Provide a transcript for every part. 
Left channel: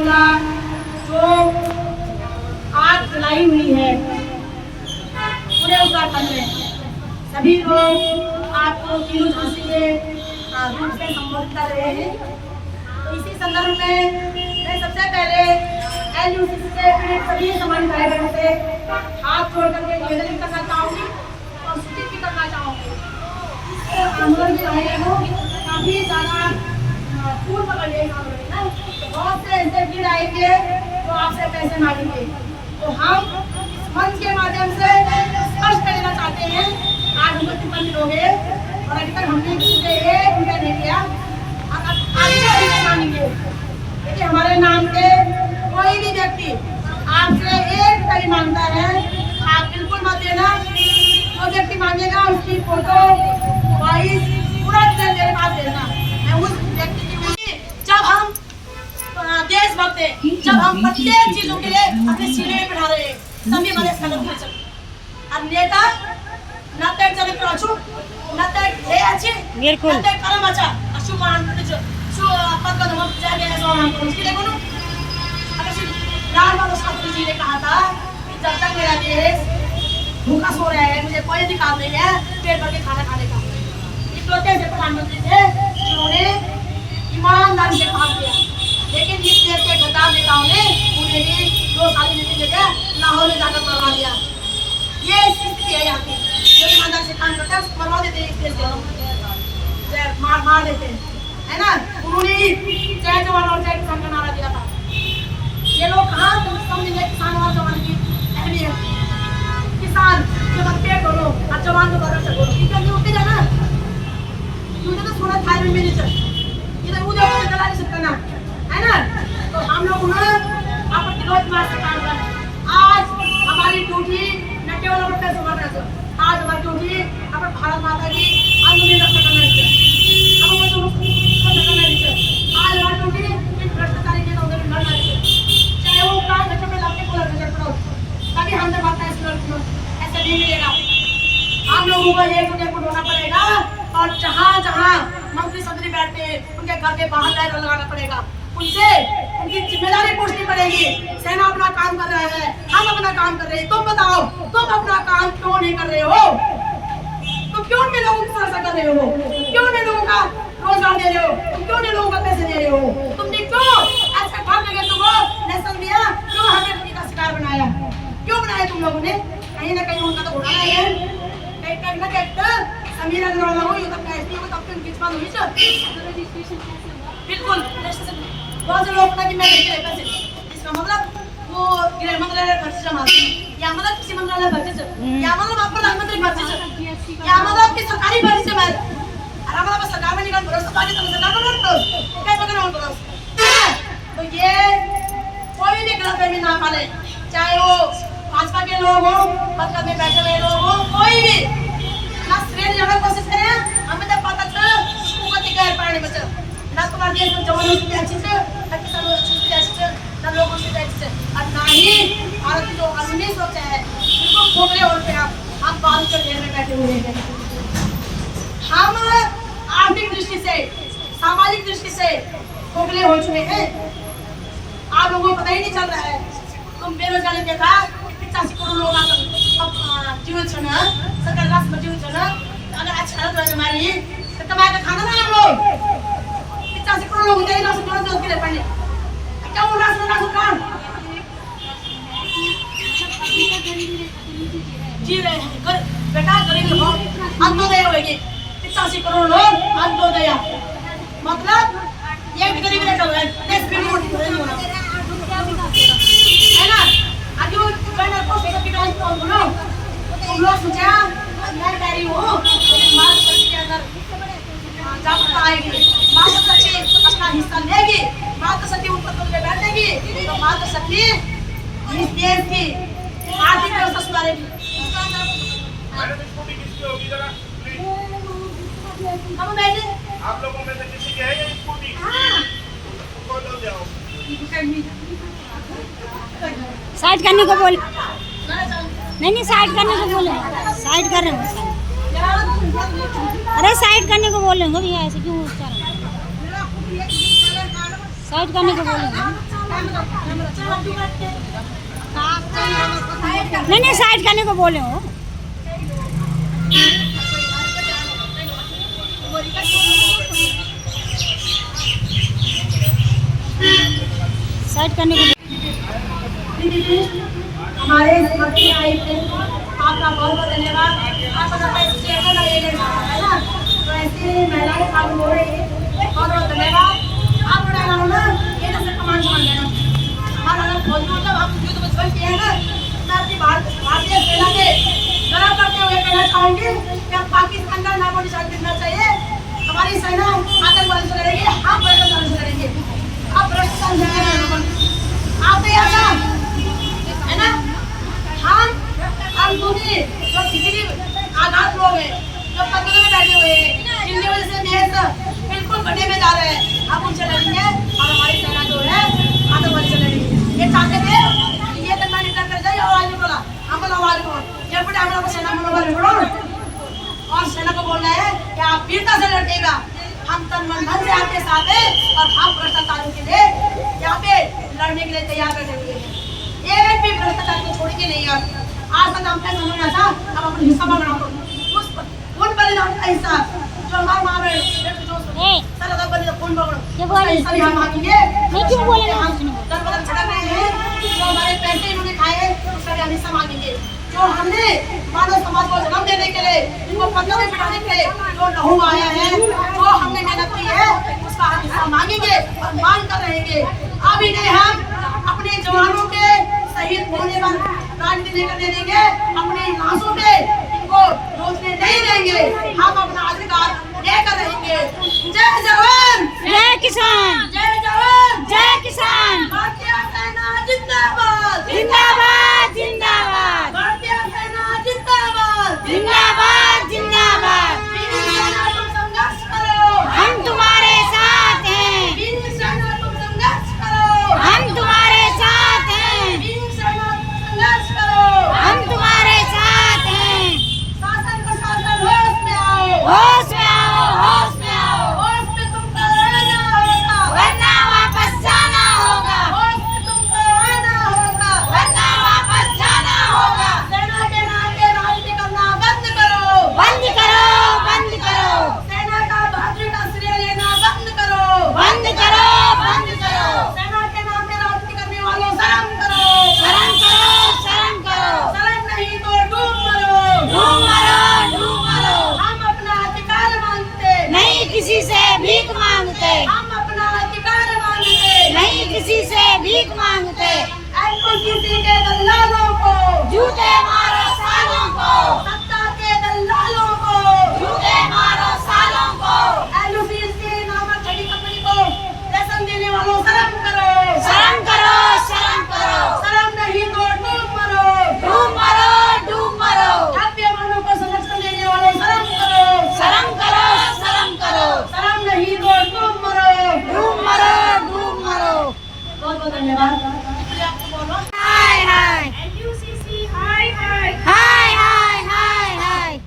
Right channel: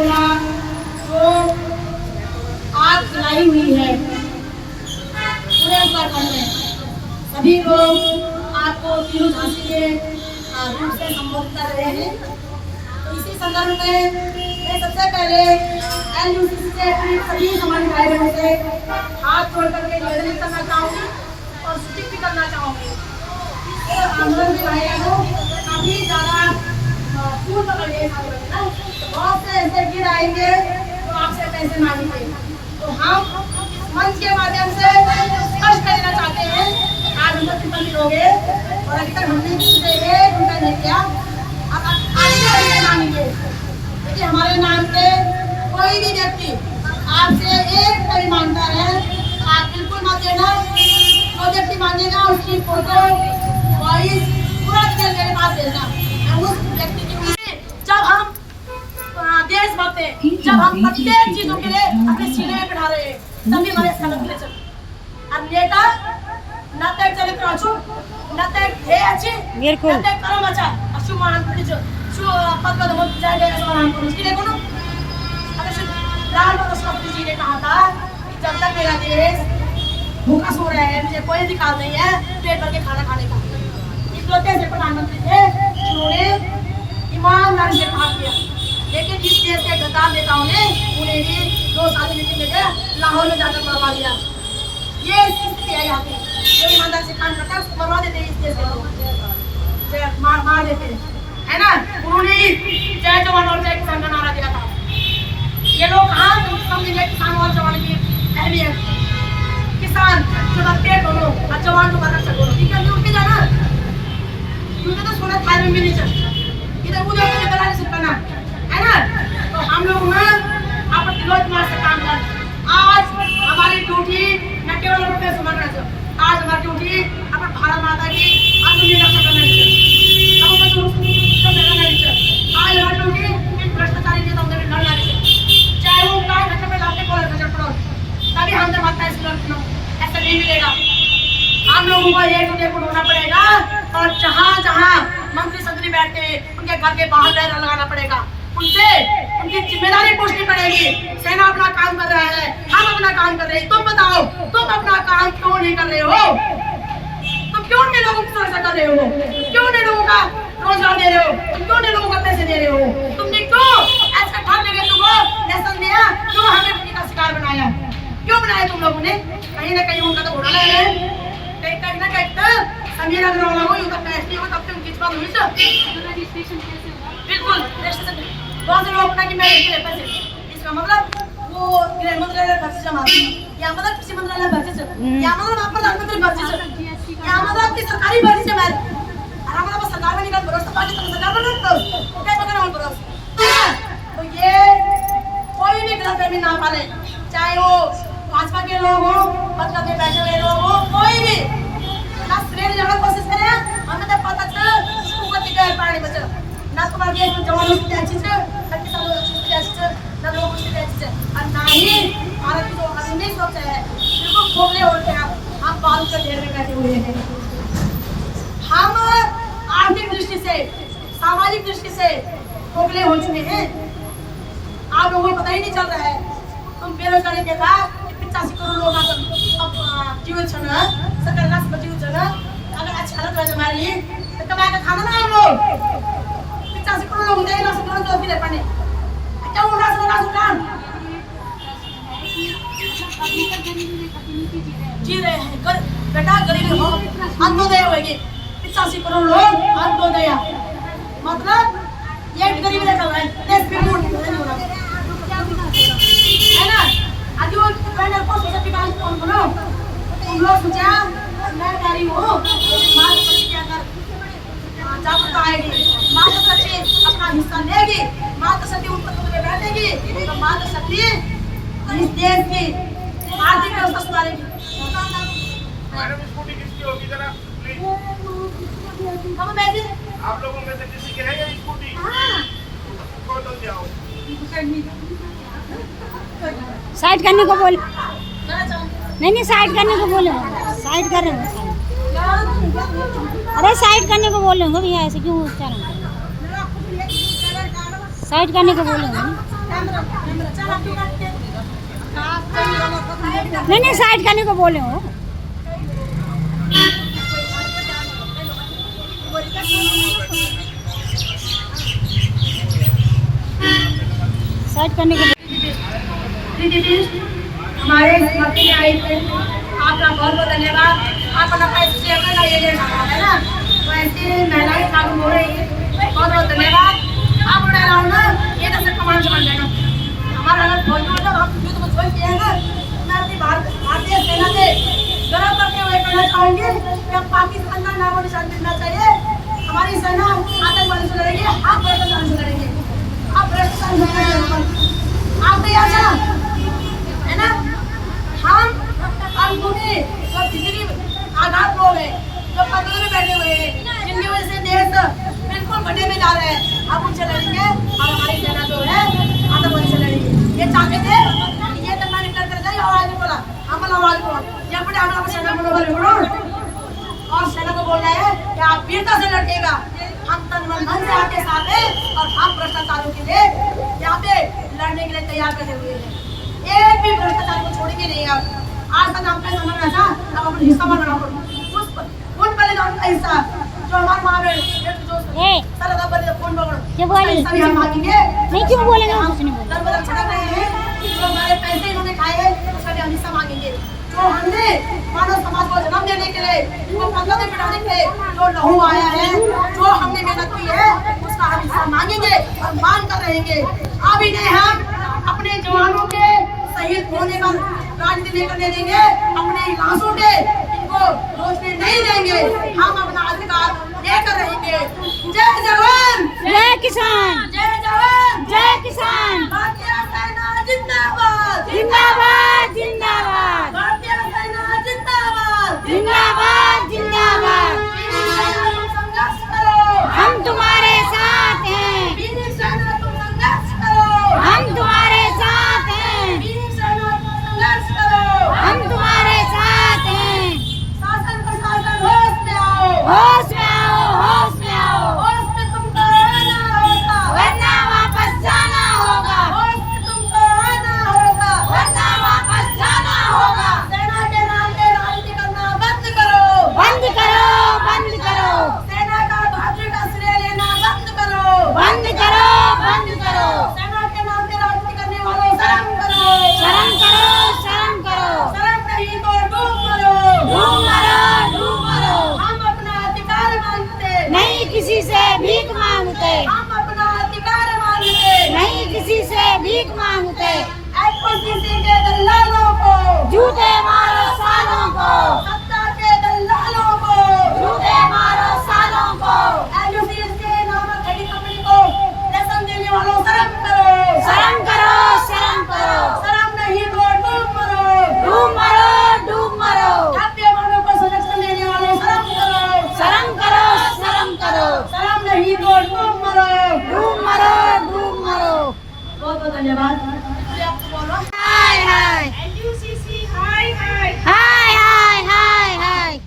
पंचकूला जो आज बनाई हुई है पूरे उत्तराखंड में, सभी लोग आपको तीनों झांसी के रूप से संबोधित कर रहे हैं। तो इसी संदर्भ में मैं सबसे पहले एनयूसीसी से सभी समाज भाई बहनों से हाथ जोड़ करके निवेदन करना चाहूँगी और सूचित भी करना चाहूँगी। इस आंदोलन में भाई को काफी ज़्यादा फूल पकड़ लिए ना, तो बहुत से ऐसे गिर आएंगे तो आपसे पैसे मांगेंगे। तो हम मंच के माध्यम से स्पष्ट करना चाहते हैं, आज हम लोग कितने लोग हैं और अभी तक हमने किसी से एक रुपया नहीं दिया, अब आगे भी मांगेंगे। देखिए हमारे नाम पे कोई भी व्यक्ति आपसे एक रुपया भी मांगता है, आप बिल्कुल मत देना। जो व्यक्ति मांगेगा उसकी फोटो वॉइस पूरा डिटेल मेरे पास देना। मैं उस व्यक्ति की जब हम देशभक्त हैं, जब हम प्रत्येक चीजों के लिए अपने सीने में बिठा रहे हैं, तभी हमारे संगत ले चल। और नेता न तक चले प्राचु न तक है अच्छे बिल्कुल न तक करम अच्छा अशुमान कुछ सु पद का दमन जाएगा ऐसा हम को उसके देखो ना। अगर सिर्फ लाल बहादुर शास्त्री जी ने कहा था कि जब तक मेरा देश भूखा सो रहा है, मुझे कोई अधिकार नहीं है पेट भर के खाना खाने का। इकलौते ऐसे प्रधानमंत्री थे जिन्होंने ईमानदारी से काम किया, लेकिन इस देश के गद्दार नेताओं ने उन्हें भी 2 साल की नीति लेकर लाहौर में जाकर मरवा दिया। ये स्थिति है यहाँ की, जो ईमानदारी से काम करता है उसको मरवा देते हैं, इस देश के लोग मार देते हैं, है ना। उन्होंने जय जवान और जय किसान का नारा दिया था। ये लोग कहाँ समझेंगे किसान और जवान की अहमियत। किसान जो पेट बोलो और जवान को बदल सको, क्योंकि उनके जाना क्योंकि तो सोना थाल में मिली चल इधर उधर से करा नहीं सकता ना, है ना। तो हम लोग ना आप दिलों मार से काम कर। आज हमारी ड्यूटी न केवल रुपये से मरना चाहिए, आज हमारी ड्यूटी अपन भारत माता की अंतिम रक्षा करना चाहिए। हम लोग करना चाहिए। आज हमारी ड्यूटी इन भ्रष्टाचारी नेताओं से लड़ना चाहिए, चाहे वो काय घटना पे लाते कोला नजर पड़ो, तभी हम जब माता इस लड़कियों ऐसा नहीं मिलेगा। हम लोगों को एक दूसरे को ढूंढना पड़ेगा और जहाँ जहाँ मंत्री संतरी बैठते हैं उनके घर के बाहर पैर लगाना पड़ेगा, उनसे उनकी जिम्मेदारी पूछनी पड़ेगी। सेना अपना काम कर रहा है, हम अपना काम कर रहे हैं, तुम बताओ तुम अपना काम क्यों नहीं कर रहे हो? तुम क्यों नहीं लोगों की सुरक्षा कर रहे हो? क्यों नहीं लोगों का रोजगार दे रहे हो? तुम क्यों नहीं लोगों को पैसे दे रहे हो? तुमने क्यों ऐसा ठान लगे तुमको नेशन दिया, क्यों हमें अपनी का शिकार बनाया? क्यों बनाया तुम लोगों ने? कहीं ना कहीं उनका तो घोटाला है, कहीं ना कहीं समीर अग्रवाल हो ये तो पैसे हो तब तुम किस बात हुई सर रजिस्ट्रेशन कैसे हुआ? बिल्कुल रजिस्ट्रेशन बहुत से लोग ना कि मैं लेके पैसे, इसका मतलब वो गृह मंत्रालय भर्ती जमा या मतलब कृषि मंत्रालय भर्ती से या मतलब आप प्रधानमंत्री भर्ती से या मतलब की सरकारी भर्ती से मैं और हमारा बस सरकार में निकल भरोसा पाके तो सरकार में नहीं भरोसा क्या पकड़ और भरोसा। तो ये कोई भी गलतफहमी ना पाले, चाहे वो भाजपा के लोग हो, पद में बैठे हुए लोग हो, कोई भी ना श्रेय जाने की कोशिश करें। हमें तो पता चल उसको अधिकार पाने बचा ना तुम्हारे देश में जवानों की अच्छी से ना किसानों की अच्छी से ना लोगों की अच्छी से और ना ही भारत की जो कानूनी सुरक्षा है बिल्कुल खोखले होते हैं। हम बालू के ढेर में बैठे हुए हैं। हम आर्थिक दृष्टि से सामाजिक दृष्टि से खोखले हो चुके हैं, आप लोगों को पता ही नहीं चल रहा है। तुम बेरोजगारी देखा 85 करोड़ लोग अब जीवन छन सरकार राष्ट्र जीवन छन अगर अच्छा हालत है हमारी तो कमाए का खाना ना हम लोग 85 करोड़ लोग जाए ना सुन जो के पानी क्या उन राष्ट्र काम जी रहे हैं। बेटा गरीब हो अंत्योदय होगी 85 करोड़ लोग अंत्योदय मतलब ये भी गरीबी चल रहा है देश में नहीं होना तो क्या विकास होगा, है ना। आज वो बैनर को सोचा कि डांस कौन बोलो तुम लोग सोचा मैं गाड़ी हूँ मार्ग शक्ति के अंदर जागरूकता आएगी, मार्ग शक्ति अपना हिस्सा लेगी, मार्ग शक्ति उन पदों पे बैठेगी तो मार्ग शक्ति इस देश की आर्थिक व्यवस्था सुधारेगी। हम बैठे आप लोगों में से किसी के है या स्कूटी? कौन हो जाओ? साइड करने को बोल नहीं साइड करने को बोले, साइड कर रहे हैं अरे साइड करने को बोलेंगे भैया, ऐसे क्यों साइड करने को बोलेंगे। चल अब तू बैठ के। नहीं साइड करने को बोले हो। साइड करने को दीदी हमारे मक्की में आई थे, आपका बहुत बहुत धन्यवाद। आप अपना पैसे शेयर करना ये लेना है ना, तो ऐसी महिलाएं चालू हो रही है, बहुत बहुत धन्यवाद। आप उड़ा रहा हूँ ना, ये तो सब कमान समझ लेना। हमारा अगर फौजी होता हम युद्ध में ज्वाइन किए हैं ना, मैं अपनी भारतीय सेना के गर्व करते हुए कहना चाहूँगी कि अब पाकिस्तान का नामो निशान मिलना चाहिए। हमारी सेना आतंकवादी से लड़ेगी, हम भ्रष्टाचार से लड़ेंगे। आप भ्रष्टाचार से लड़ेंगे, आप तैयार ना है ना? हम दूसरी जो खिचड़ी आघात लोग हैं, जो पदों में बैठे हुए हैं, जिनकी वजह से देश बिल्कुल गड्ढे में जा रहे हैं, हम उनसे लड़ेंगे और हमारी सेना जो है आतंकवादी से लड़ेगी। ये चाहते थे, ये तक मैंने कर जाए आवाज नहीं बोला, हम आवाज बोल या फिर हमारा सेना को और सेना को बोलना है कि आप वीरता से लड़ेगा, हम तन मन धन से आपके साथ हैं और हम भ्रष्टाचारियों के लिए यहाँ पे लड़ने के लिए तैयार बैठे हुए हैं। एक भी भ्रष्टाचार को छोड़ेंगे नहीं। आज तक हम पैसा समझ था, अब अपन हिस्सा मांगना पड़ो उन बलिदान का हिस्सा जो हमारे माँ बहन सारा सब बलिदान कौन मांगो हिस्सा भी हम मांगेंगे। नहीं क्यों बोले हम दर बदर भटक रहे हैं, जो हमारे पैसे इन्होंने खाए उसका भी हम हिस्सा मांगेंगे। जो हमने मानव समाज को जन्म देने के लिए, इनको पगलों में बिठाने के लिए जो लहू आया है, जो हमने मेहनत की है, उसका हम हिस्सा मांगेंगे और मांग कर रहेंगे। अभी नहीं हम अपने जवानों के शहीद होने पर राजनीति नहीं करने देंगे, अपने लाशों पे इनको रोकने नहीं देंगे। हम अपना अधिकार लेकर रहेंगे। जय जवान जय किसान, जय जवान जय किसान, भारतीय सेना जिंदाबाद जिंदाबाद जिंदाबाद, भारतीय सेना जिंदाबाद जिंदाबाद जिंदाबाद। वीर सेना तुम संघर्ष करो, हम तुम्हारे साथ हैं, वीर सेना तुम संघर्ष करो, हम तुम्हारे साथ हैं, वीर सेना तुम संघर्ष करो, हम तुम्हारे साथ हैं। शासन प्रशासन होश में आओ, होश में आओ, होश में आओ, होश में तुमको आना होगा, वरना वापस जाना होगा, होश में तुमको आना होगा, वरना वापस जाना होगा। सेना के नाम पे राजनीति करना बंद करो, बंद करो, बंद करो, सेना का बहादुरी का श्रेय लेना बंद करो, बंद करो, बंद करो, सेना के नाम पे राजनीति करने वालों शर्म करो, शर्म करो, शर्म करो, शर्म नहीं तो डूब मरो, डूब मरो, डूब मरो। हम अपना अधिकार मांगते, नहीं किसी से भीख मांगते, हम अपना अधिकार मांगते, नहीं किसी से भीख मांगते। एलओसीसी के दल्लालों को, जूते मारो सालों को, सत्ता के दल्लालों को, जूते मारो सालों को, एलओसीसी नामक बड़ी कंपनी को लाइसेंस देने वालों शर्म करो, शर्म करो, शर्म करो, शर्म नहीं तो डूब मरो, डूब मरो, डूब मरो, हत्यावानों को संरक्षण देने वालों शर्म करो, शर्म करो, शर्म करो, शर्म नहीं तो डूब मरो, डूब मरो, डूब मरो। बहुत बहुत धन्यवाद। आपको बोलो हाय हाय एलयूसीसी हाय हाय हाय हाय हाय हाय।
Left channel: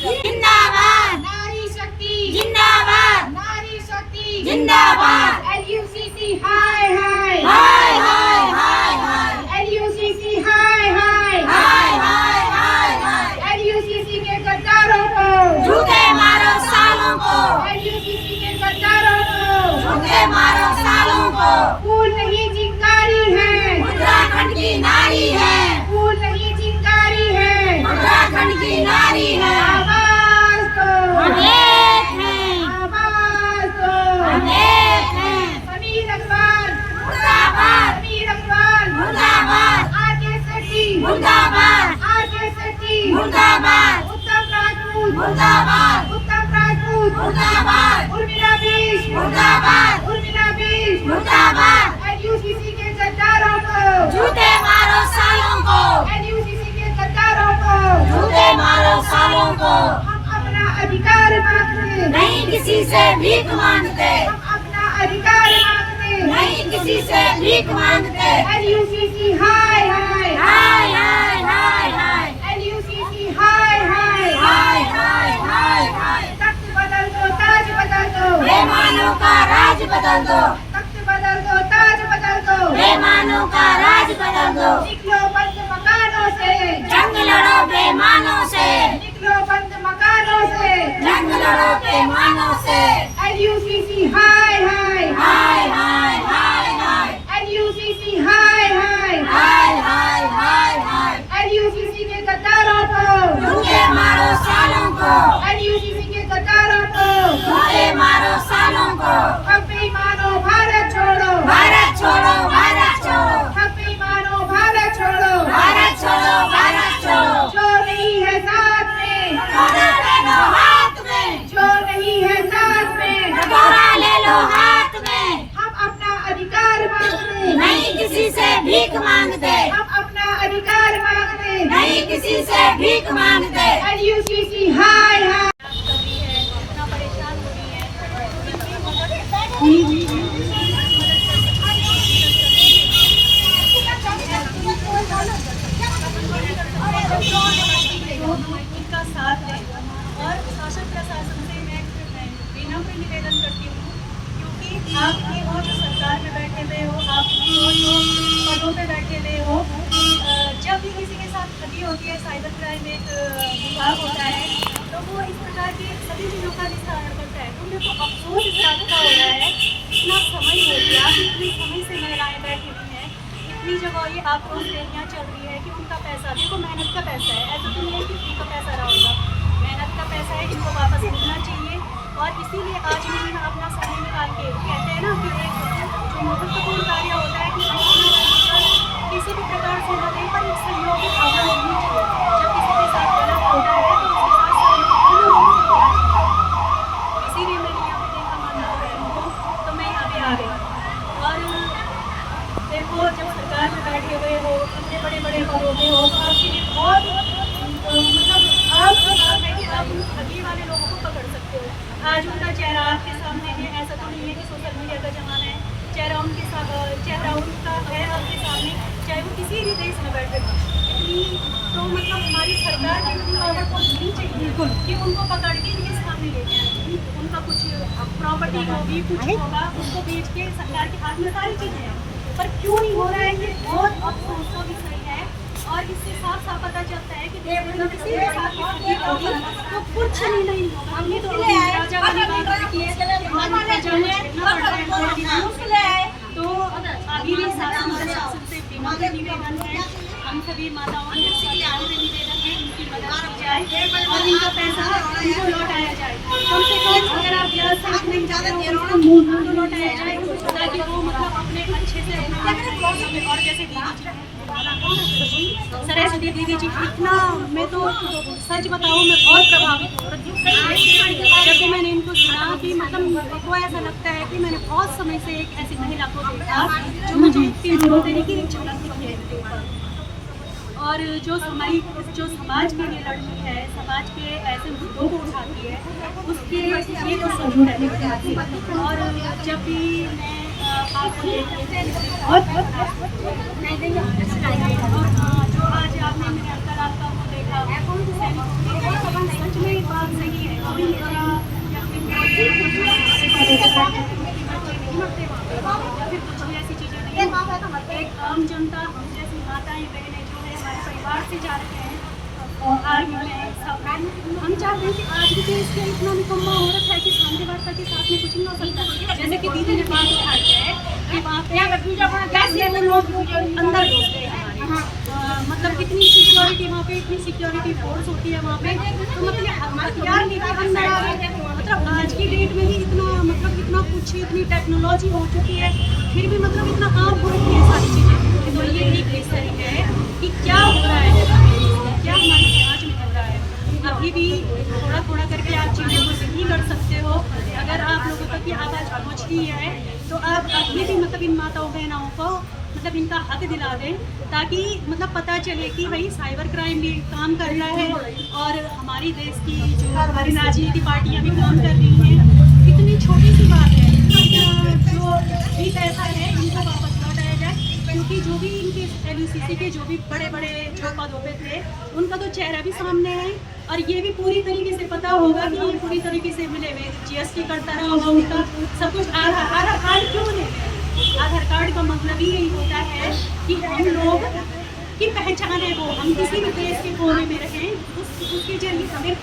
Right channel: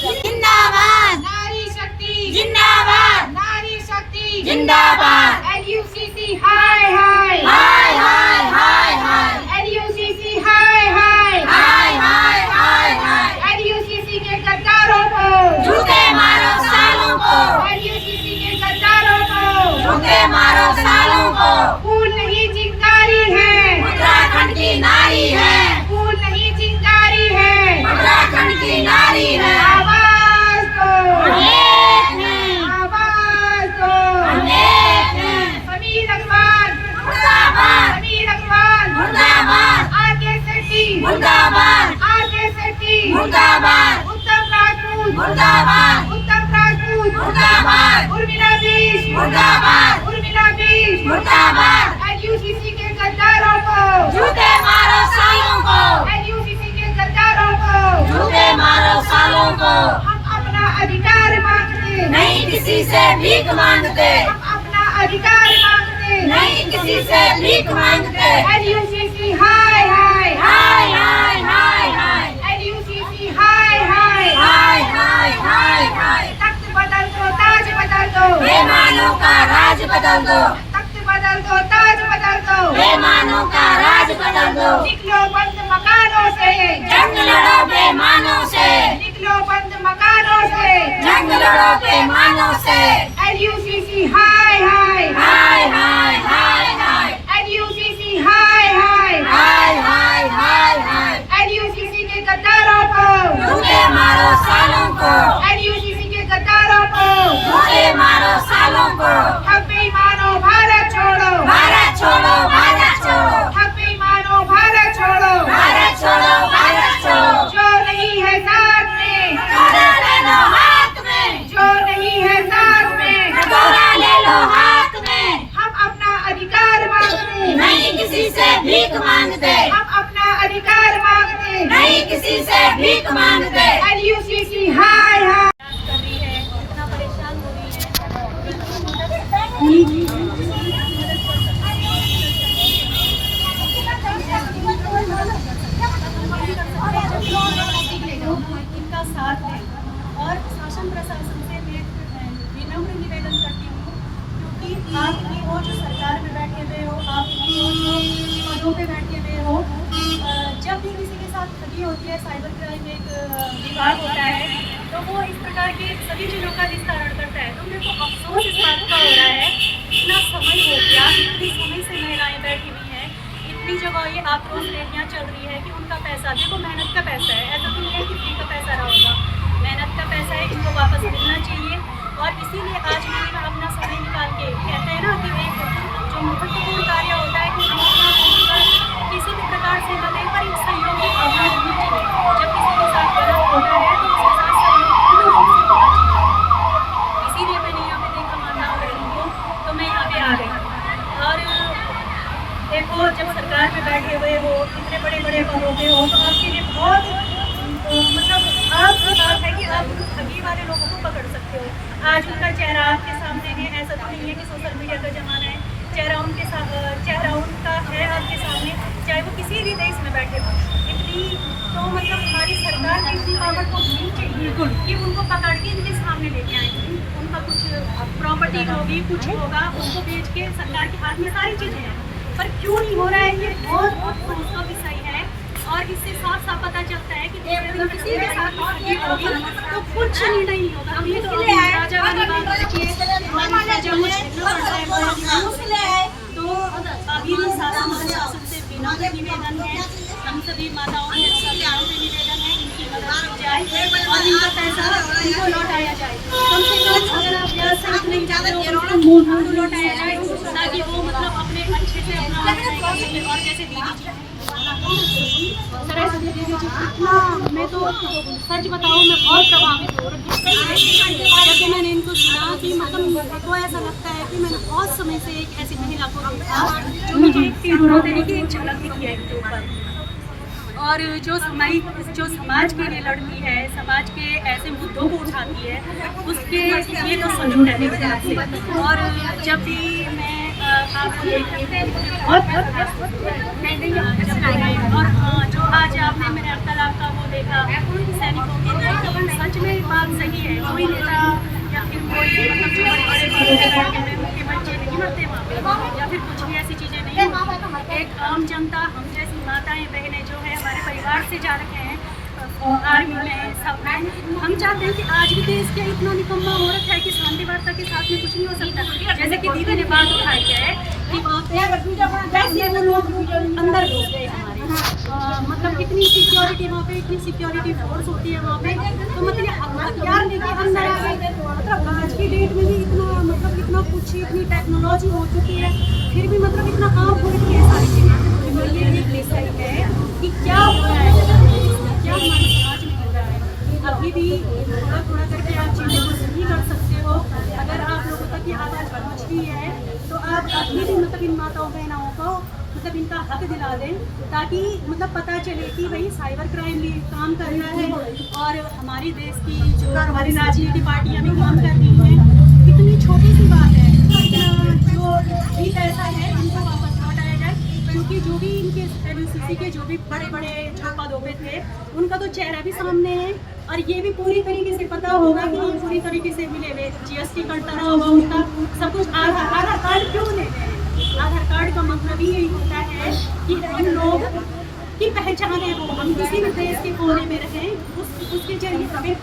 जिंदाबाद नारी शक्ति जिंदाबाद, नारी शक्ति जिंदाबाद, एलयूसीसी हाय हाय हाय हाय हाय हाय, एलयूसीसी हाय हाय हाय हाय हाय हाय। एलयूसीसी के गद्दारों को जूते मारो सालों को, एलयूसीसी के गद्दारों को जूते मारो सालों को। फूल नहीं चिंगारी है, उत्तराखंड की नारी है, फूल नहीं चिंगारी है, उत्तराखंड की नारी है। आवाज दो, हम एक हैं, आवाज दो। हम एक हैं। समीर अग्रवाल मुर्दाबाद, समीर अग्रवाल मुर्दाबाद, आर.के. सेठी मुर्दाबाद, आर.के. सेठी मुर्दाबाद, उत्तम राजपूत मुर्दाबाद, उत्तम राजपूत मुर्दाबाद, उर्मिला बीस मुर्दाबाद, उर्मिला बीस मुर्दाबाद। एलयूसीसी के गद्दारों को जूते मारो सालों को, एलयूसीसी के गद्दारों को जूते मारो सालों को। हम अपना अधिकार मांगते, नहीं किसी से भीख मांगते, हम अपना अधिकार मांगते, नहीं किसी से भीख मांगते। एलयूसीसी हाय हाय हाय हाय हाय हाय, एलयूसीसी हाय हाय हाय हाय हाय हाय। तख्त बदल दो ताज बदल दो, बेईमानों का राज बदल दो, तख्त बदल दो, ताज बदल दो, बेईमानों का राज बदल दो, निकलो बंद मकानों से, जंग लड़ो बेईमानों से, निकलो बंद मकानों से, जंग लड़ो बेईमानों से, LUCC हाय हाय, हाय हाय हाय हाय, LUCC हाय हाय, हाय हाय हाय हाय, LUCC के गद्दारों को, लूटे मारो सालों को, LUCC के गद्दारों को, लूटे मारो सालों को, ठग बेईमानों भारत छोड़ो, भारत छोड़ो, भारत छोड़ो, ठग बेईमानों भारत छोड़ो, भारत छोड़ो, भारत छोड़ो, जो नहीं है साथ में, कटोरा ले लो हाथ में, जो नहीं है साथ में, कटोरा ले लो हाथ में, हम अपना अधिकार मांगते, नहीं किसी से भीख मांगते, हम अपना अधिकार मांगते, नहीं किसी से भीख मांगते, LUCC हाय हाय। कर रही है, इतना परेशान हो रही है, तो इनकी इनका साथ है। और शासन प्रशासन से मैं विनम्र निवेदन करती हूँ, क्योंकि आप ही हो जो सरकार में बैठे हुए हो, आप ही हो जो पदों पे बैठे हुए हो। जब भी किसी के साथ ठगी होती है, साइबर क्राइम एक विभाग होता है, तो वो इस प्रकार की सभी चीज़ों का निस्तारण करता है। तो मेरे को अफसोस इस बात का हो रहा है, इतना समय हो गया, इतने समय से महिलाएं बैठी हुई हैं, इतनी जगह ये आक्रोश रैलियाँ चल रही है कि उनका पैसा, देखो मेहनत का पैसा है, ऐसा तो नहीं है कि फ्री का पैसा रहा होगा, मेहनत का पैसा है, इनको वापस मिलना चाहिए। और इसीलिए आज मैं अपना समय निकाल के, कहते हैं ना कि एक जो महत्वपूर्ण कार्य होता है कि हम अपना किसी भी प्रकार से लगे, पर एक सहयोगी भावना होनी चाहिए। जब किसी के साथ गलत होता है तो उसके साथ सहयोग होना चाहिए। इसीलिए मैंने यहाँ पे देखा मानना बहनों को, तो मैं यहाँ पे आ गई। और देखो, जब सरकार में बैठे हुए हो, इतने बड़े बड़े पदों पे हो, तो आपके लिए बहुत मतलब आपकी बात है कि आप उन ठगी वाले लोगों को पकड़ सकते हो। आज उनका चेहरा आपके सामने है, ऐसा तो नहीं है कि सोशल मीडिया का ज़माना है, चेहरा उनका है आपके सामने, चाहे वो किसी भी देश में बैठे हो। इतनी तो मतलब हमारी सरकार की इतनी पावर तो नहीं चाहिए कि उनको पकड़ के इनके सामने लेके आए। उनका कुछ प्रॉपर्टी होगी, कुछ होगा, उसको बेच के सरकार के हाथ में सारी चीज़ें हैं, पर क्यों नहीं हो रहा है, ये बहुत अफसोस का विषय है। और इससे साफ साफ पता चलता है कि किसी के साथ ठगी होगी तो कुछ नहीं होगा। ये तो राजा वाली बात रखिए, हमारी प्रजा को झेलना पड़ रहा है बहुत ही। तो अभी भी शासन से विनम्र निवेदन है, हम सभी माताओं के विनम्र निवेदन है, इनकी मदद की जाए और इनका पैसा इनको लौटाया जाए। कम से कम अगर आप ब्याज सहित नहीं जाते हो तो उनको मूल तो लौटाया जाए, ताकि वो मतलब अपने अच्छे से अपना और जैसे दीदी सरस्वती दीदी जी, इतना मैं तो सच बताऊँ मैं बहुत प्रभावित हूँ। जब मैंने इनको सुना कि मतलब मुझको ऐसा लगता है कि मैंने बहुत समय से एक ऐसी महिला को देखा जो मुझे एक तरीके की एक झलक दिखी है इनके ऊपर। और जो समाज के लिए लड़ती है, समाज के ऐसे मुद्दों को उठाती है, उसके लिए तो सलूट है मेरे ख्याल से। और जब भी मैं आपको और जो आज आपने मेरे अब्दुल्ला का वो देखा सैनिकों की, सच में बात सही है। कोई नेता या फिर कोई मतलब मुख्य बच्चे नहीं मरते वहाँ पे, या फिर कुछ भी ऐसी चीज़ें नहीं। एक आम जनता, हम जैसी माताएं बहनें जो है हमारे परिवार से जा रहे हैं आर्मी में, सब में, हम चाहते हैं कि आज भी देश के इतना निकम्मा हो रखा है कि शांति वार्ता के साथ में कुछ नहीं हो सकता। जैसे कि दीदी ने बात उठाई है कि वहाँ पे कैसे वो लोग अंदर घुस गए हमारे, मतलब इतनी सिक्योरिटी वहाँ पे, इतनी सिक्योरिटी फोर्स होती है वहाँ पे, तो मतलब हथियार लेके अंदर आ गए। मतलब आज की डेट में ही इतना कुछ, इतनी टेक्नोलॉजी हो चुकी है, फिर भी मतलब इतना आम हो रही है सारी चीज़ें। तो ये एक विषय है कि क्या हो रहा है, क्या हमारे समाज में हो रहा है। अभी भी थोड़ा थोड़ा करके आप चीज़ों को सही कर सकते हो। अगर आप लोगों तक ये आवाज़ पहुँचती है तो आप अभी भी मतलब इन माताओं बहनाओं को मतलब इनका हक दिला दें, ताकि मतलब पता चले कि भाई साइबर क्राइम भी काम कर रहा है और हमारी देश की जो हमारी राजनीतिक पार्टियाँ भी काम कर रही हैं। इतनी छोटी सी बात है, जो भी पैसा है इनको वापस लौटाया जाए, क्योंकि जो भी इनके LUCC के जो भी बड़े बड़े जो पदों पे थे उनका तो चेहरा भी सामने है और ये भी पूरी तरीके से पता होगा कि ये पूरी तरीके से मिले हुए GST कटता रहा होगा उसका सब कुछ। आधार कार्ड क्यों मिले हुए? आधार कार्ड का मतलब ही यही होता है कि हम लोग की पहचान है, वो हम किसी भी देश के कोने में रहें उसके जरिए हमें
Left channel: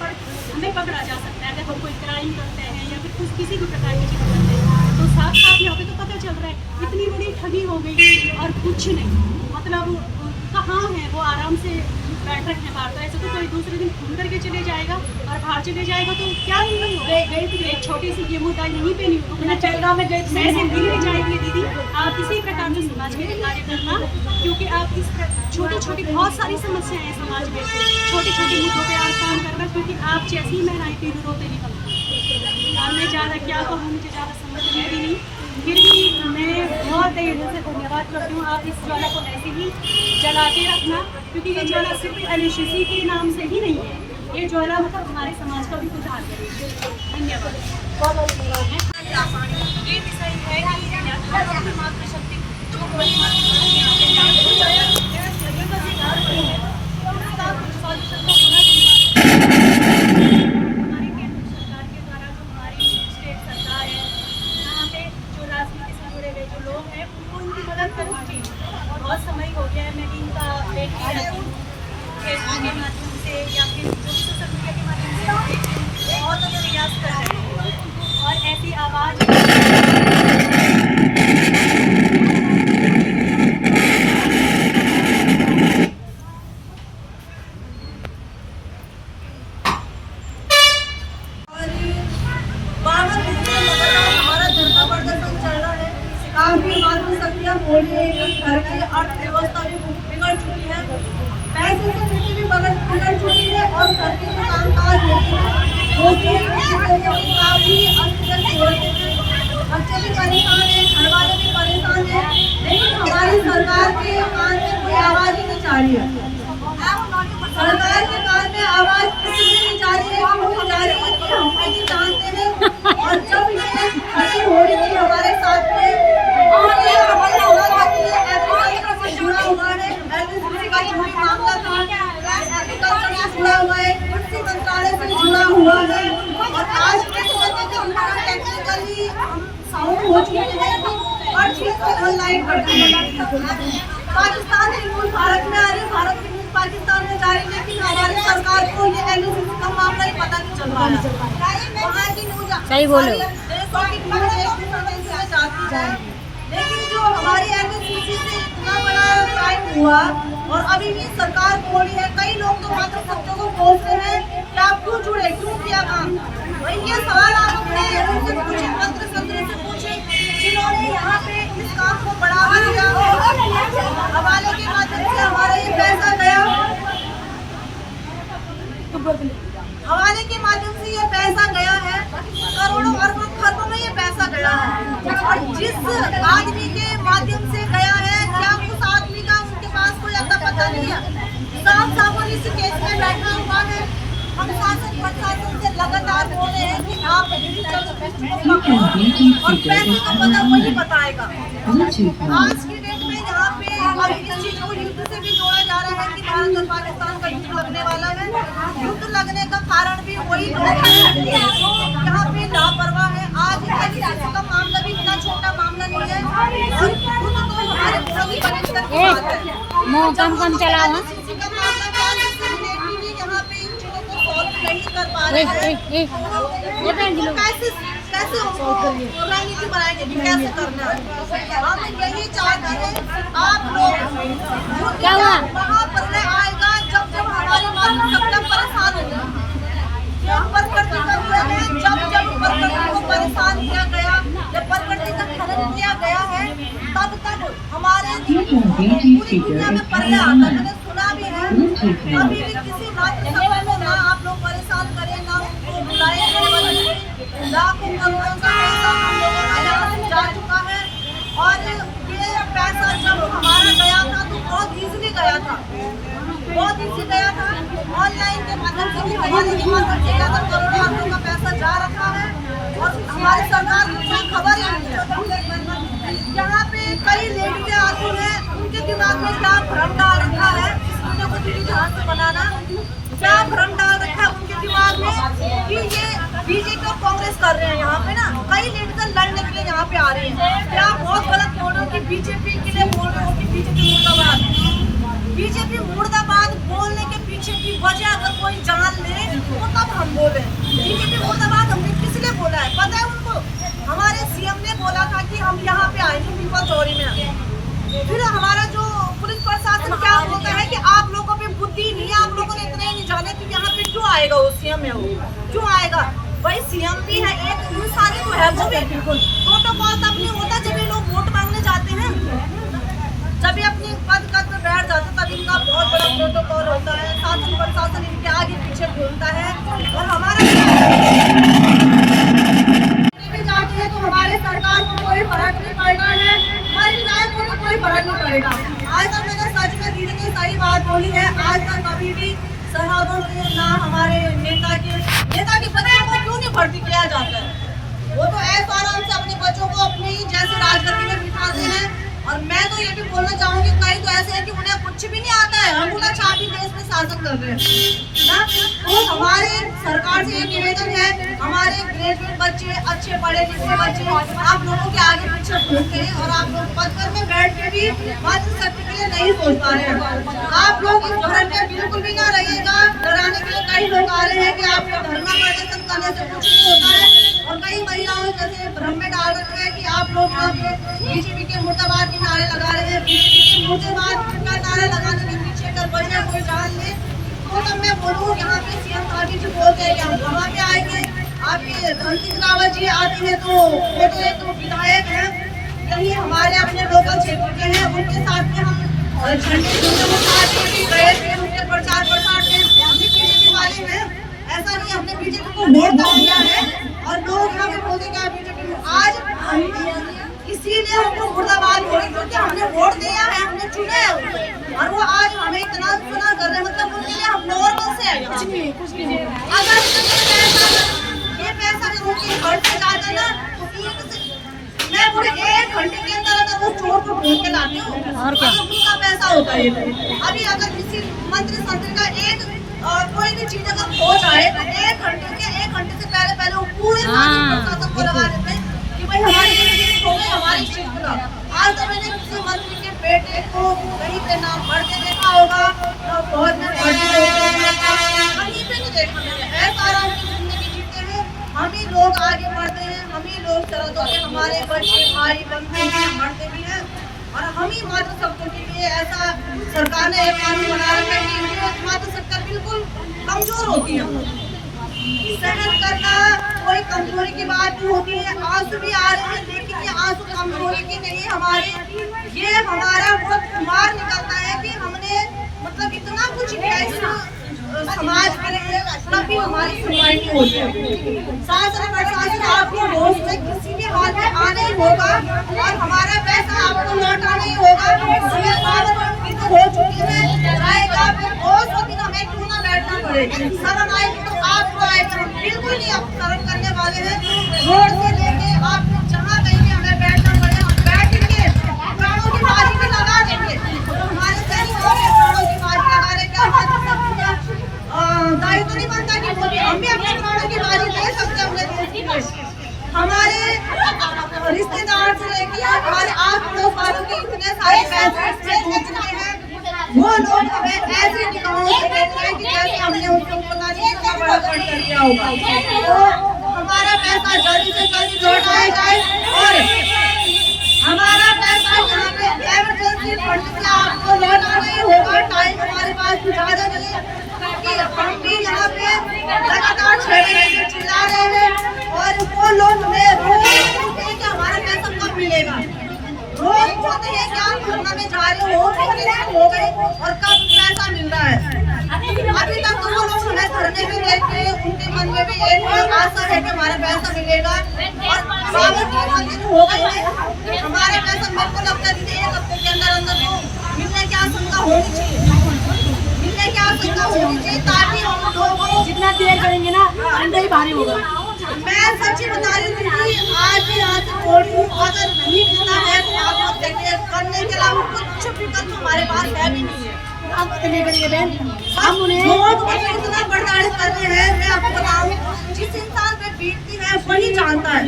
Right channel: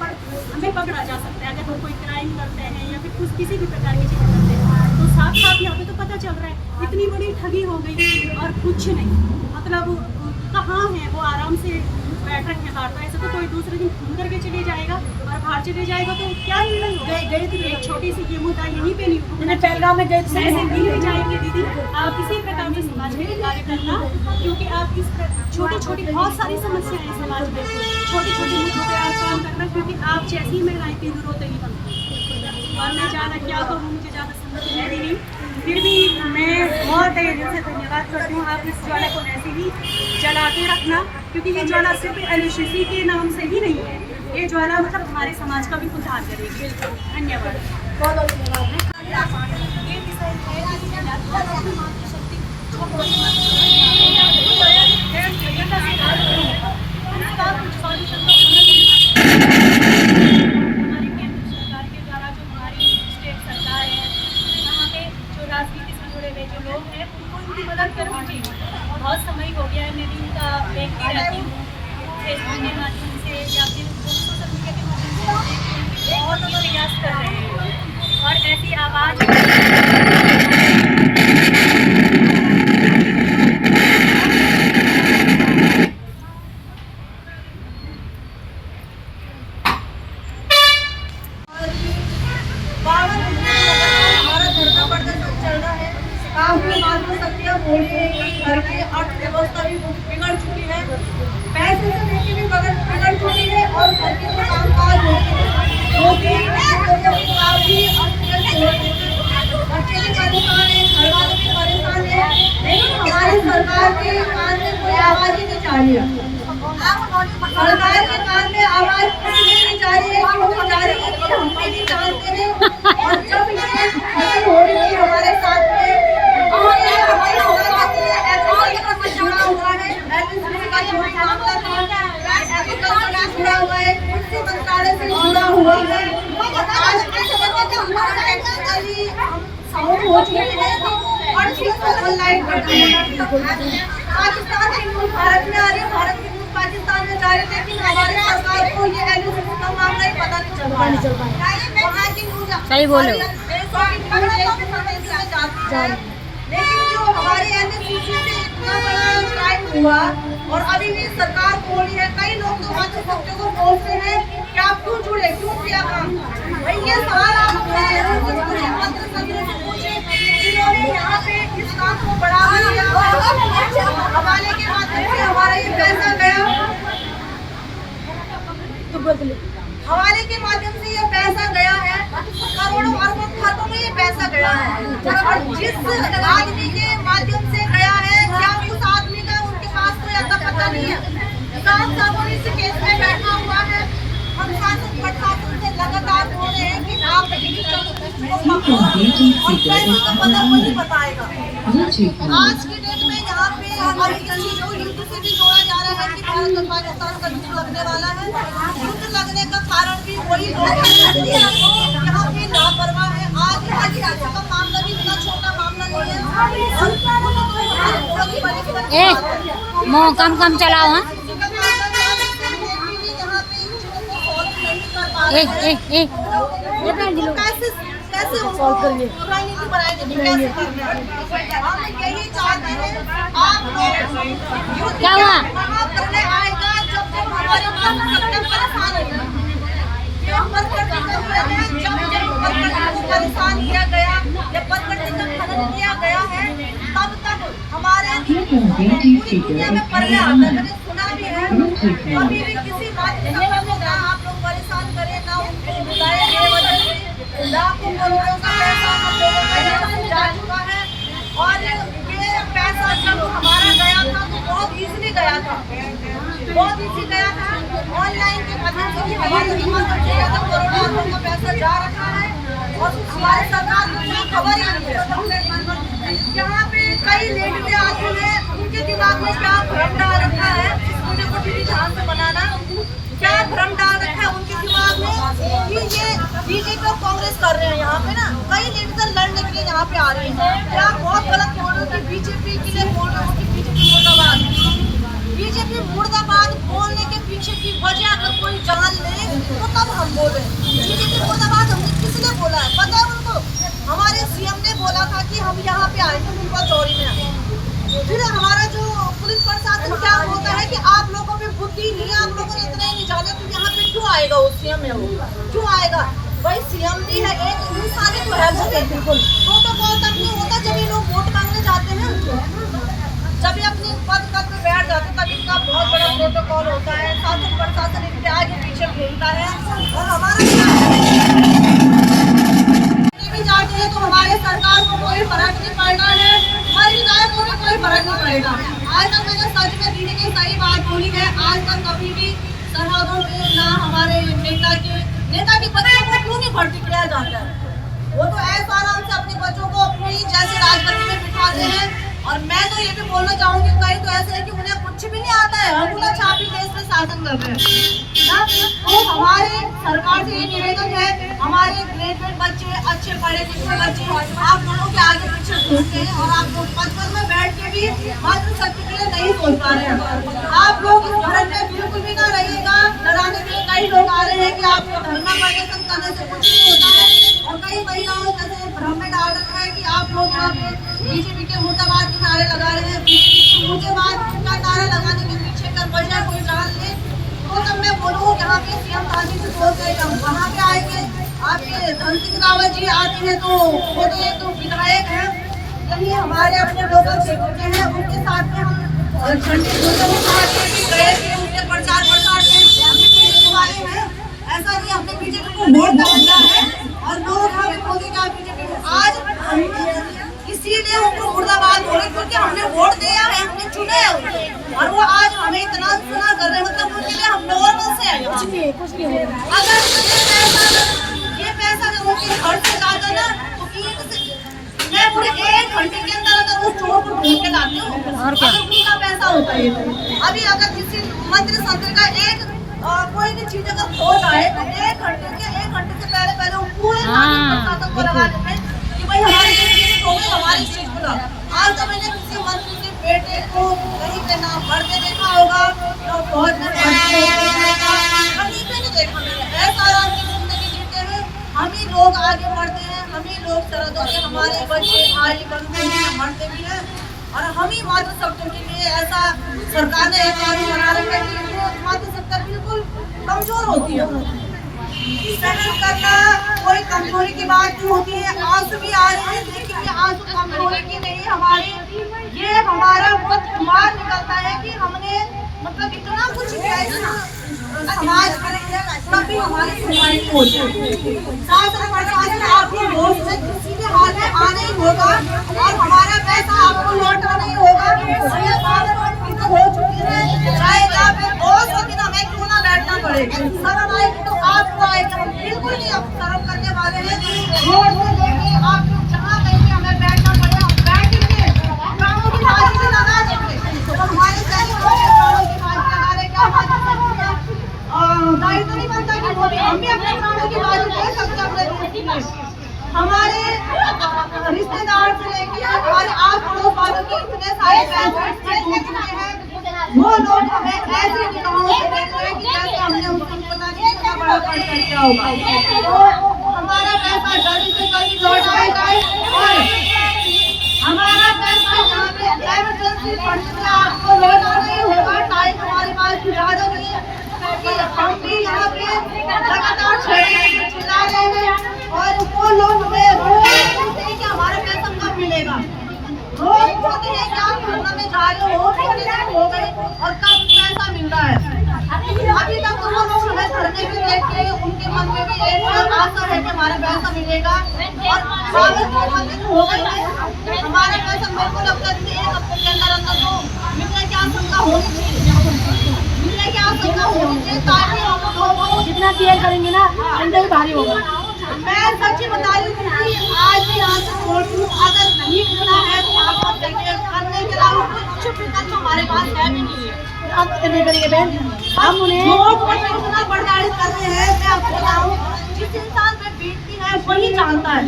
पकड़ा जा सकता है। अगर हम कोई क्राइम करते हैं या फिर कुछ किसी भी प्रकार की चीज़ करते हैं तो साथ साथ यहाँ पे तो पता चल रहा है इतनी बड़ी ठगी हो गई और कुछ नहीं। मतलब कहाँ है वो, आराम से बैठ रखे हैं बाहर। तो ऐसे तो कोई दूसरे दिन घूम करके चले जाएगा और बाहर चले जाएगा तो क्या नहीं होगा। गई थी एक छोटी सी ये मुद्दा यहीं पे नहीं होगा, पहलगाम में गई थी। ऐसे नहीं जाएगी दीदी, आप इसी प्रकार से समाज में कार्य करना, क्योंकि आप इस छोटी छोटी बहुत सारी समस्याएं हैं समाज में, छोटे छोटे मुद्दों पे आप काम करना, क्योंकि आप जैसी महिलाएं तीन रोते ही बनती। और मैं ज़्यादा क्या कहूँ, मुझे ज़्यादा समझ में भी नहीं, फिर भी मैं बहुत दिल से धन्यवाद करती हूँ। आप इस ज्वाला को ऐसे ही जला के रखना, क्योंकि ये ज्वाला सिर्फ LHC के नाम से ही नहीं है, ये ज्वाला मतलब हमारे समाज का भी उद्धार करेगी। धन्यवाद। ये विषय है कि मातृशक्ति जो हमारी हमारे केंद्र सरकार के द्वारा जो हमारी स्टेट सरकार है, यहाँ पे जो राजनीति से जुड़े हुए जो लोग हैं उनको इनकी मदद करूँगी। बहुत समय हो गया है, मैं भी इनका देखती रहती हूँ फेसबुक के माध्यम से या फिर सोशल मीडिया के माध्यम से बहुत ही प्रयास कर रहे हैं और ऐसी आवाज़ घर की अर्थव्यवस्था भी बिगड़ चुकी है, पैसे से देखी भी बिगड़ चुकी है और घर के जो कामकाज होते हैं वो भी बच्चे भी परेशान है, घर वाले भी परेशान है, लेकिन हमारी सरकार के कान में कोई आवाज़ ही नहीं जा रही है। सरकार के कान में आवाज़ इसलिए नहीं जा रही है क्योंकि जा रही है कि हम भी नहीं जानते हैं। और जब ये खड़ी हो रही है हमारे साथ में जुड़ा हुआ है, LHC का जो भी मामला था एग्रीकल्चर से जुड़ा हुआ है, कृषि मंत्रालय से जुड़ा हुआ है और आज के टेक्निकली हम साउंड हो चुके हैं और चीज़ ऑनलाइन करते हैं। पाकिस्तान की न्यूज़ भारत में आ रही है, भारत की न्यूज़ पाकिस्तान में जा रही है, लेकिन हमारी सरकार को ये LHC का मामला ही पता नहीं चल पा रहा। वहाँ की न्यूज़ सही बोलो। लेकिन जो हमारे LHC से इतना बड़ा क्राइम हुआ और अभी भी सरकार बोली है, कई लोग तो मात्र सत्यों को बोलते हैं कि आप क्यों जुड़े, क्यों किया काम। भाई ये सवाल आप अपने पूछे, मंत्री संतरी से पूछे जिन्होंने यहाँ पे इस काम को बढ़ावा दिया। हवाले के माध्यम से हमारा ये पैसा गया, हवाले के माध्यम से ये पैसा गया है, करोड़ों अरबों खरबों में ये पैसा गया है। और जिस आदमी के माध्यम से गया है, क्या उस आदमी का उनके पास कोई अता पता नहीं है। साफ साफ इस केस में बैठा हुआ है। हम शासन प्रशासन से लगातार बोल रहे हैं कि आप और पैसे का पता वही बताएगा। आज की डेट में यहाँ पे अब इस चीज को युद्ध से भी जोड़ा जा रहा है कि भारत और पाकिस्तान का युद्ध लगने वाला है। युद्ध लगने का कारण भी वही लोग हैं यहाँ पे लापरवाह है। आज LHC का मामला भी इतना छोटा मामला नहीं है और हमारे बहुत बड़े स्तर की बात है। मोह कम चलाओ। हाँ यहाँ पे इन चीजों को सॉल्व नहीं कर पा रहे हैं। कैसे रणनीति बनाएंगे, कैसे करना है। हम यही चाहते हैं आप लोग क्या हुआ? महाप्रलय आएगा जब हमारी मातृसत्ता परेशान हो जाए। प्रकृति का नियम है, जब प्रकृति को परेशान किया गया, जब प्रकृति का खनन किया गया है, तब तक हमारे पूरी दुनिया में प्रलय आता है। मैंने सुना भी है, कभी भी किसी मातृसत्ता को ना आप लोग परेशान करें, ना उनको बुलाए। लाखों करोड़ों का पैसा हम लोगों का यहाँ से जा चुका है और ये पैसा जब हमारा गया था तो बहुत इजीली गया था, बहुत इजी गया था। ऑनलाइन के माध्यम से भी हमारे माध्यम से ज़्यादा करोड़ों अरबों का पैसा जा रखा है और हमारी सरकार को कोई खबर ही नहीं है। यहाँ पे कई लेडीजें आती हैं, उनके दिमाग में क्या भ्रम डाल रखा है, उन्हें को भी ध्यान से बनाना। क्या भ्रम डाल रखा है उनके दिमाग में कि ये बीजेपी और कांग्रेस कर रहे हैं यहाँ पे ना, कई लीडर लड़ने के लिए यहाँ पे आ रहे हैं। क्या बहुत गलत बोल रहे हो कि बीजेपी के लिए बोल रहे हो कि बीजेपी मुर्दाबाद। बीजेपी मुर्दाबाद बोलने के पीछे की वजह अगर कोई जान ले तो तब हम बोले। बीजेपी मुर्दाबाद हमने किस लिए बोला है पता है उनको? हमारे सीएम ने बोला था कि हम यहाँ पे आएंगे पीपल चौरी में। फिर हमारा जो पुलिस प्रशासन क्या बोलता है कि आप लोगों पे बुद्धि नहीं है, आप लोगों ने इतना ही नहीं जाने कि यहाँ पे क्यों आएगा वो सीएम है, वो क्यों आएगा? भाई सीएम भी है, एक इंसान तो है वो भी। प्रोटोकॉल तब नहीं होता जब ये लोग वोट मांगने जाते हैं, जब ये अपनी पद पे बैठ जाते हैं तब इनका बहुत बड़ा प्रोटोकॉल होता है। शासन प्रशासन इनके आगे पीछे घूमता है और हमारे भी जाते हैं तो हमारे सरकार को कोई फर्क नहीं पड़ता है, मर जाए तो कोई फर्क नहीं पड़ेगा। आज तक मैंने सच में दीदी की सही बात बोली है, आज तक कभी भी सरहदों पे ना हमारे नेता के बच्चों को क्यों नहीं भर्ती किया जाता है? वो तो ऐसा आराम से अपने बच्चों को अपने ही जैसे राजगद्दी में बिठाते हैं। और मैं तो ये भी बोलना चाहूंगी कई तो ऐसे है कि उन्हें कुछ भी नहीं आता है, अंगूठा छापी देश में शासन कर रहे हैं। तो हमारे सरकार से ये निवेदन है, हमारे ग्रेजुएट बच्चे, अच्छे पढ़े लिखे बच्चे आप लोगों के आगे पीछे घूमते हैं और आप लोग पद पर में बैठ के भी मातृशक्ति के लिए नहीं सोच पा रहे हैं। आप लोग इस भ्रम में बिल्कुल भी ना रहिएगा। डराने के लिए कई लोग आ रहे हैं कि आपको धर्म प्रदर्शन करने से कुछ नहीं होता है, और कई महिलाओं जैसे भ्रम में डाल रखा है कि आप लोग यहाँ पे बीजेपी के मुर्दाबाद के नारे लगा रहे हैं। बीजेपी के मुर्दाबाद का नारा लगाने के पीछे कर वजह कोई जान ले तो तब मैं बोलूँ यहाँ पे सीएम शादी से बोलते हैं हम वहाँ पे आएंगे। आपके धन सिंह रावत जी आते हैं तो वो तो विधायक हैं, यही हमारे अपने लोकल क्षेत्र के हैं, उनके साथ में हम झंडे गए थे, उनके प्रचार के बीजेपी वाले हैं। ऐसा नहीं हमने बीजेपी को वोट दिया है और लोग हमें बोलेगा बीजेपी को। आज इसीलिए हमको मुर्दाबाद हो रही क्योंकि हमने वोट दिया है, हमने चुने हैं और वो आज हमें इतना सुना कर रहे हैं, मतलब उनके लिए हम नॉर्मल से हैं। अगर ये पैसा उनके घर से जाता ना तो मैं पूरे 1 घंटे के अंदर अगर वो चोर को ढूंढ के लाती हूँ और क्या उनका पैसा होता है। अभी अगर किसी मंत्री संतरी का एक कोई भी चीज अगर खो जाए तो 1 घंटे से पहले वो पूरे प्रशासन को लगा देते हैं कि भाई हमारी जिंदगी खो गई, हमारी चीज खुला। आज तो मैंने किसी मंत्री के बेटे को कहीं पे ना बढ़ते देखा होगा, बहुत कहीं पे नहीं देखा मैंने। ऐसा आराम की जिंदगी जीते हुए हम ही लोग आगे बढ़ते हैं, हम ही लोग सरहदों के हमारे बच्चे भाई बंधु मरते भी हैं और हम ही मातृशक्ति के लिए ऐसा सरकार ने एक कानून बना रखा है कि मातृशक्ति बिल्कुल कमजोर होती है। सहन करना कोई कमजोरी की बात नहीं होती है। आंसू भी आ रहे हैं लेकिन ये आंसू कमजोरी की नहीं, ये हमारा बहुत खुमार निकलता है कि हमने मतलब इतना कुछ समाज के लिए तभी हमारी सुनवाई होती है। शासन प्रशासन आपको रोज से किसी भी हाल में आना ही होगा और हमारा पैसा आपको लौटाना ही होगा। हमें पावर हो चुकी है, चाहे आप बहुत होगी तो हमें क्यों ना बैठना पड़े। शरण आएगी तो आपको आएगा, हम बिल्कुल नहीं अब शरण करने वाले हैं। रोड से लेके आप जहाँ कहीं भी हमें बैठना पड़े हम बैठेंगे, प्राणों की बाजी भी लगा देंगे। तो हमारे प्राणों की बाजी लगा रहे क्या दायित्व तो नहीं बनता कि हम भी अपने प्राणों की बाजी दे सकते हैं अपने देश की। हमारे रिश्तेदार से लेके हमारे आस पड़ोस वालों के इतने सारे पैसे हैं, वो लोग हमें ऐसे निकालों से देते हैं कि जैसे हमने उनको पता नहीं कितना बड़ा खर्च कर दिया होगा। तो हमारा पैसा जल्दी से जल्दी लौटाया जाए और हमारा पैसा यहाँ पे इमरजेंसी फंड से आपको लौटाना ही होगा। टाइम हमारे पास ज़्यादा नहीं है क्योंकि हम भी यहाँ पे लगातार चिल्ला रहे हैं और वो लोग हमें रोज पूछते हैं कि हमारा पैसा कब मिलेगा। रोज पूछते हैं कि आप घटना में जा रहे हो गए और कब पैसा मिल रहा है। अभी तक तो वो लोग हमें धरने भी देखते हैं, उनके मन में भी एक आशा है कि हमारा पैसा मिलेगा और हो गई है हमारा पैसा बिल्कुल अब तक 1 हफ्ते के अंदर तो मिलने की आशंका होनी चाहिए ताकि हम लोगों जितना देर करेंगे ना अंदर ही भारी होगा। मैं सच्ची बता रही हूँ कि आज भी यहाँ से बोल रही हूँ, अगर नहीं मिलना है तो आप चाहिए, करने के अलावा कुछ विकल्प हमारे पास है भी नहीं। आप नहीं करेंगे बहन, हम उन्हें इतना बर्दाश्त कर रहे हैं। मैं आपको बताऊं, जिस इंसान पे बीतती है वही जानता है।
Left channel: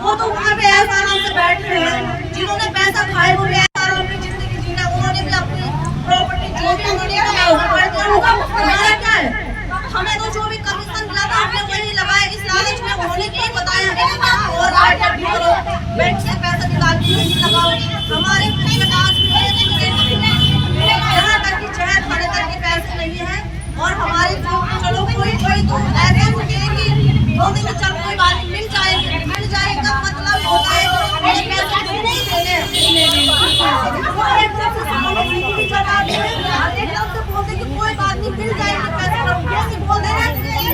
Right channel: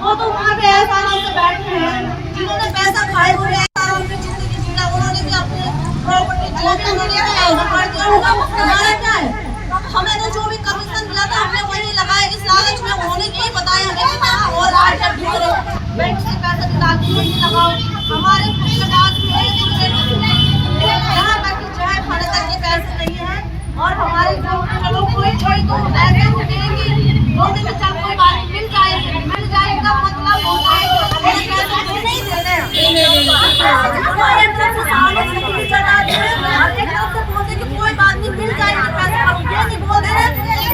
वो तो वहाँ पे ऐसा आराम से बैठ रहे हैं, जिन्होंने पैसा खाए हुए ऐसा आराम से जिंदगी जीना, उन्होंने भी अपनी प्रॉपर्टी जो भी उन्होंने कर दिया होगा। हमारा क्या है, हमें तो जो भी कमीशन मिला था हमने वही लगाया। इस लालच में उन्होंने यही बताया हमें कि यहाँ और आगे भी करो, बैंक से पैसा निकाल के यही लगाओ। हमारे पास यहाँ तक कि चाय खाने तक के पैसे नहीं है। और हमारी जो चलो कोई तो ऐसे होते हैं कि 2 दिन में चल कोई बात मिल जाए का मतलब होता है कि मेरे पैसे नहीं देने बोलते कि कोई बात नहीं मिल जाएगी पैसे बोल दे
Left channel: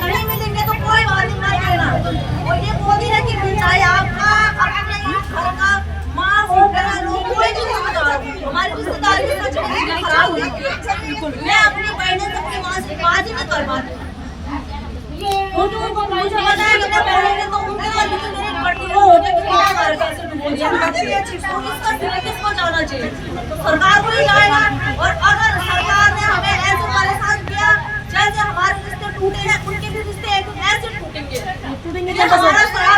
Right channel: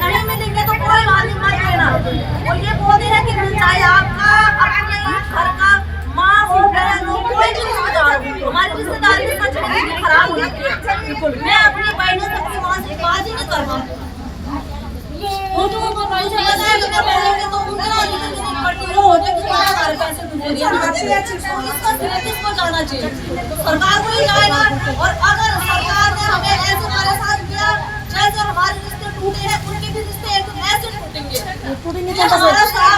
नहीं मिलेंगे तो कोई बात नहीं मत देना। और ये बोल रहे हैं कि मिल जाए आपका अपने घर का माँ हो बहन हो कोई भी रिश्तेदार हो। हमारी रिश्तेदारी में सच में खराब हो जाती है। मैं अपनी बहनों सबकी माँ से बात ही नहीं कर पाती। वो तो मुझे पता है कि मैं बोलेंगे तो उनके बाद मेरी पड़ती हो जाए कि हमारे पैसे डूब दिया। तो इसका श्रेय किसको जाना चाहिए? तो सरकार को ही जाएगा। और अगर सरकार ने हमें ऐसे परेशान किया जैसे हमारे रिश्ते टूटे हैं, उनके भी रिश्ते एक दिन ऐसे टूटेंगे। हमारा सारा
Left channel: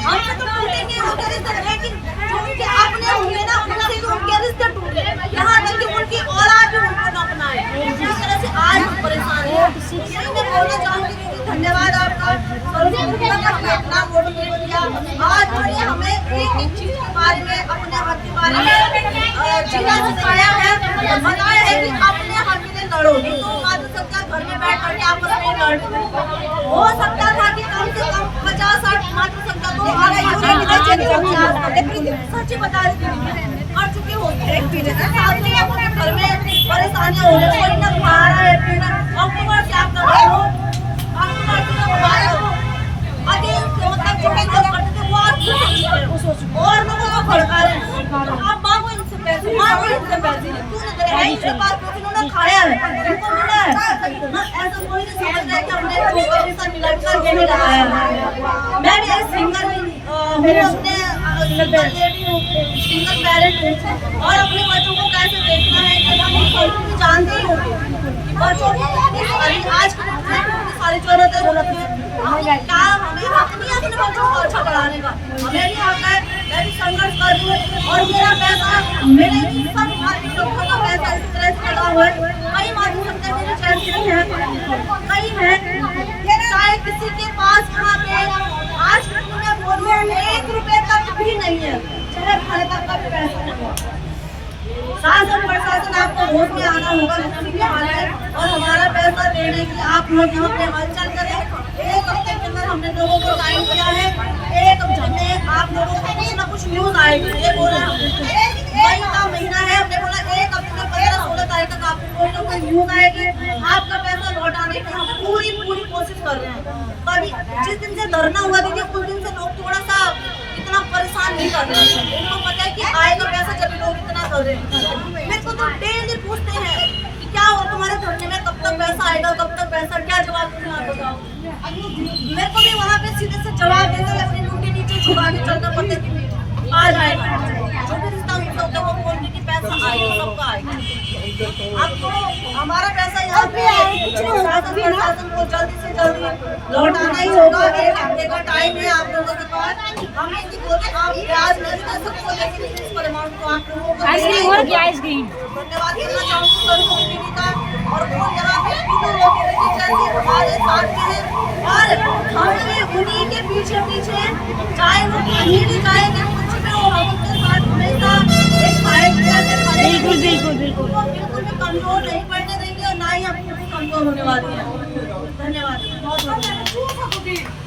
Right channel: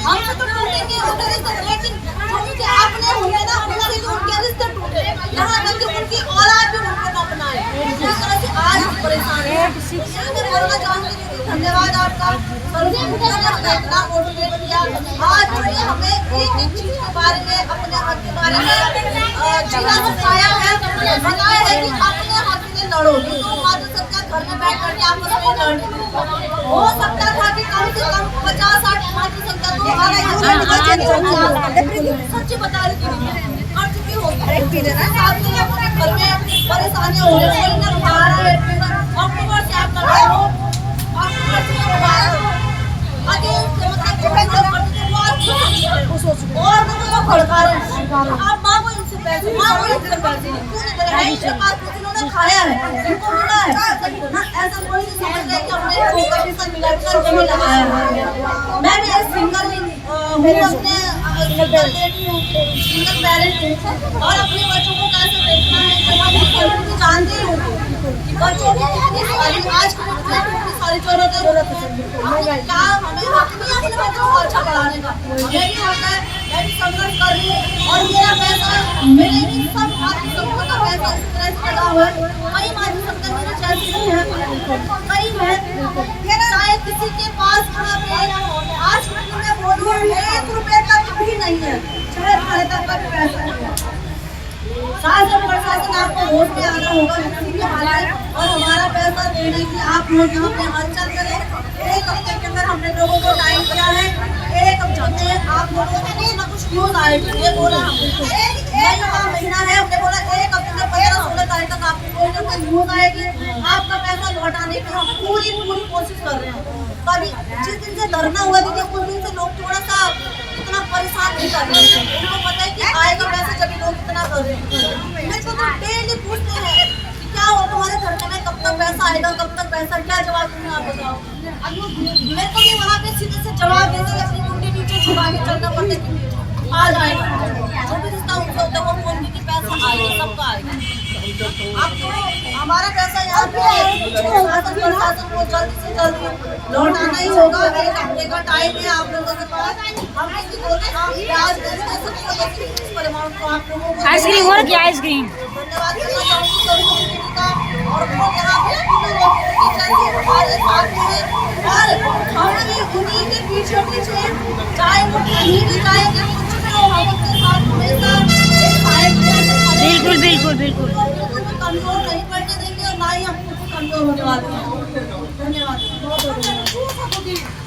हमसे तो टूटेंगे उनके रिश्ते, लेकिन क्योंकि आपने हुए ना उनसे भी उनके रिश्ते टूटे, यहाँ तक कि उनकी औलाद भी उनको न अपनाए। इस तरह से आज हम परेशान हैं। यही मैं बोलना चाहूँगी। धन्यवाद आपका, इतना मोटिवेट किया। आज उन्होंने हमें एक चीज के बारे में, अपने हक के बारे में जीना सिखाया है, बताया है कि अपने हक में लड़ो, नहीं तो मातृसत्ता घर में बैठ करके आपस में लड़। हो सकता था कि कम से कम 50-60 मातृसत्ता तो आ गई। सच्ची बता रही थी, कर चुकी होगी घर में परेशानियां हो रही, कोई ना खा रहा है। अक्टूबर से आप लगाओ, अक्टूबर से आगे और लोगों को भड़का रहे हैं। आप मांगो इनसे पैसे, मांगो इनसे पैसे, इनके पास कुछ इन्होंने खाया है, इनको मिला है। ऐसा कोई नहीं समझ रहा है कि हमने कमीशन मिला कर नहीं लगाया है। मैं भी एक सिंगर हूँ, अपने सिंगल पेरेंट हूँ और अपने बच्चों को कैसे देखना है जानती हूँ। बच्चों को आज की सारी जरूरत है। क्या हमें हक नहीं अपने बच्चों को अच्छा पढ़ाने का? हमें भी हक है। मैं भी संघर्ष कर रही हूँ और मेरा पैसा, मेरे सब मातृसत्ता का पैसा इस तरह से लगा हुआ है। कई मातृसत्ता मेरे जैसी नहीं है, कई है। चाहे किसी के पास यहाँ पे आज मैं बोलूँ 1 रुपए तक भी नहीं है, चाहे खाने तक का भी पैसा नहीं है। शासन प्रशासन आपको होश में आना होगा किसी के हालात और हमारा पैसा देने की आप लोग यहाँ पे हलचल करें। 1 हफ्ते के अंदर हमने लोगों को टाइम दिया है। 1 हफ्ते आप लोगों को कुछ ना कुछ न्यूज आएगी। ये बोला मई का महीना है, हमने बोला 1 हफ्ते से 15-16 तारीख तक आपको कोई ना कोई न्यूज आएगी। आपका पैसा लौटाने की हम पूरी कोशिश कर रहे हैं। कभी जिस दिन से धरना हुआ दीजिए उस दिन से लोग थोड़ा सा इतना परेशान नहीं कर रहे हैं। उनको पता है कि आएगा पैसा जब लोग इतना कर रहे हैं। मेरे को तो डेली पूछते हैं कि क्या हो तुम्हारे धरने में, कब तक पैसा आएगा, कब तक पैसा, क्या जवाब दूंगा आप बताओ। मेरे को भी वहाँ पे सीधे से जवाब देते हुए अपनी मुट्ठी नीचे छुपा के चलना पड़ता है कि आ जाएगा। जो भी रिश्ता उनसे होता है वो बोलते कि पैसा आएगा, सबका आएगा। अब तो हमारा पैसा यहाँ पे शासन प्रशासन को जल्दी से जल्दी लौटाना ही होगा। 1 हफ्ते का टाइम है आप लोगों के पास। हम इसकी ब्याज नहीं दे सकते, लेकिन इस परिमाण को आप लोगों को आइसक्रीम हो रही है, आइसक्रीम। धन्यवाद करना चाहूँगी सभी दीदी का। और वो यहाँ पे हमारे साथ हैं और हम भी उन्हीं के पीछे पीछे, चाहे वो कहीं भी जाएंगे कुछ भी हो, हम उनके साथ हमेशा एक भाई जैसे खड़े हैं। बिल्कुल बिल्कुल बिल्कुल बिल्कुल भी कमजोर नहीं पड़ने देंगे और ना ही हम कमजोर होने वाले हैं। धन्यवाद। बहुत बहुत धन्यवाद।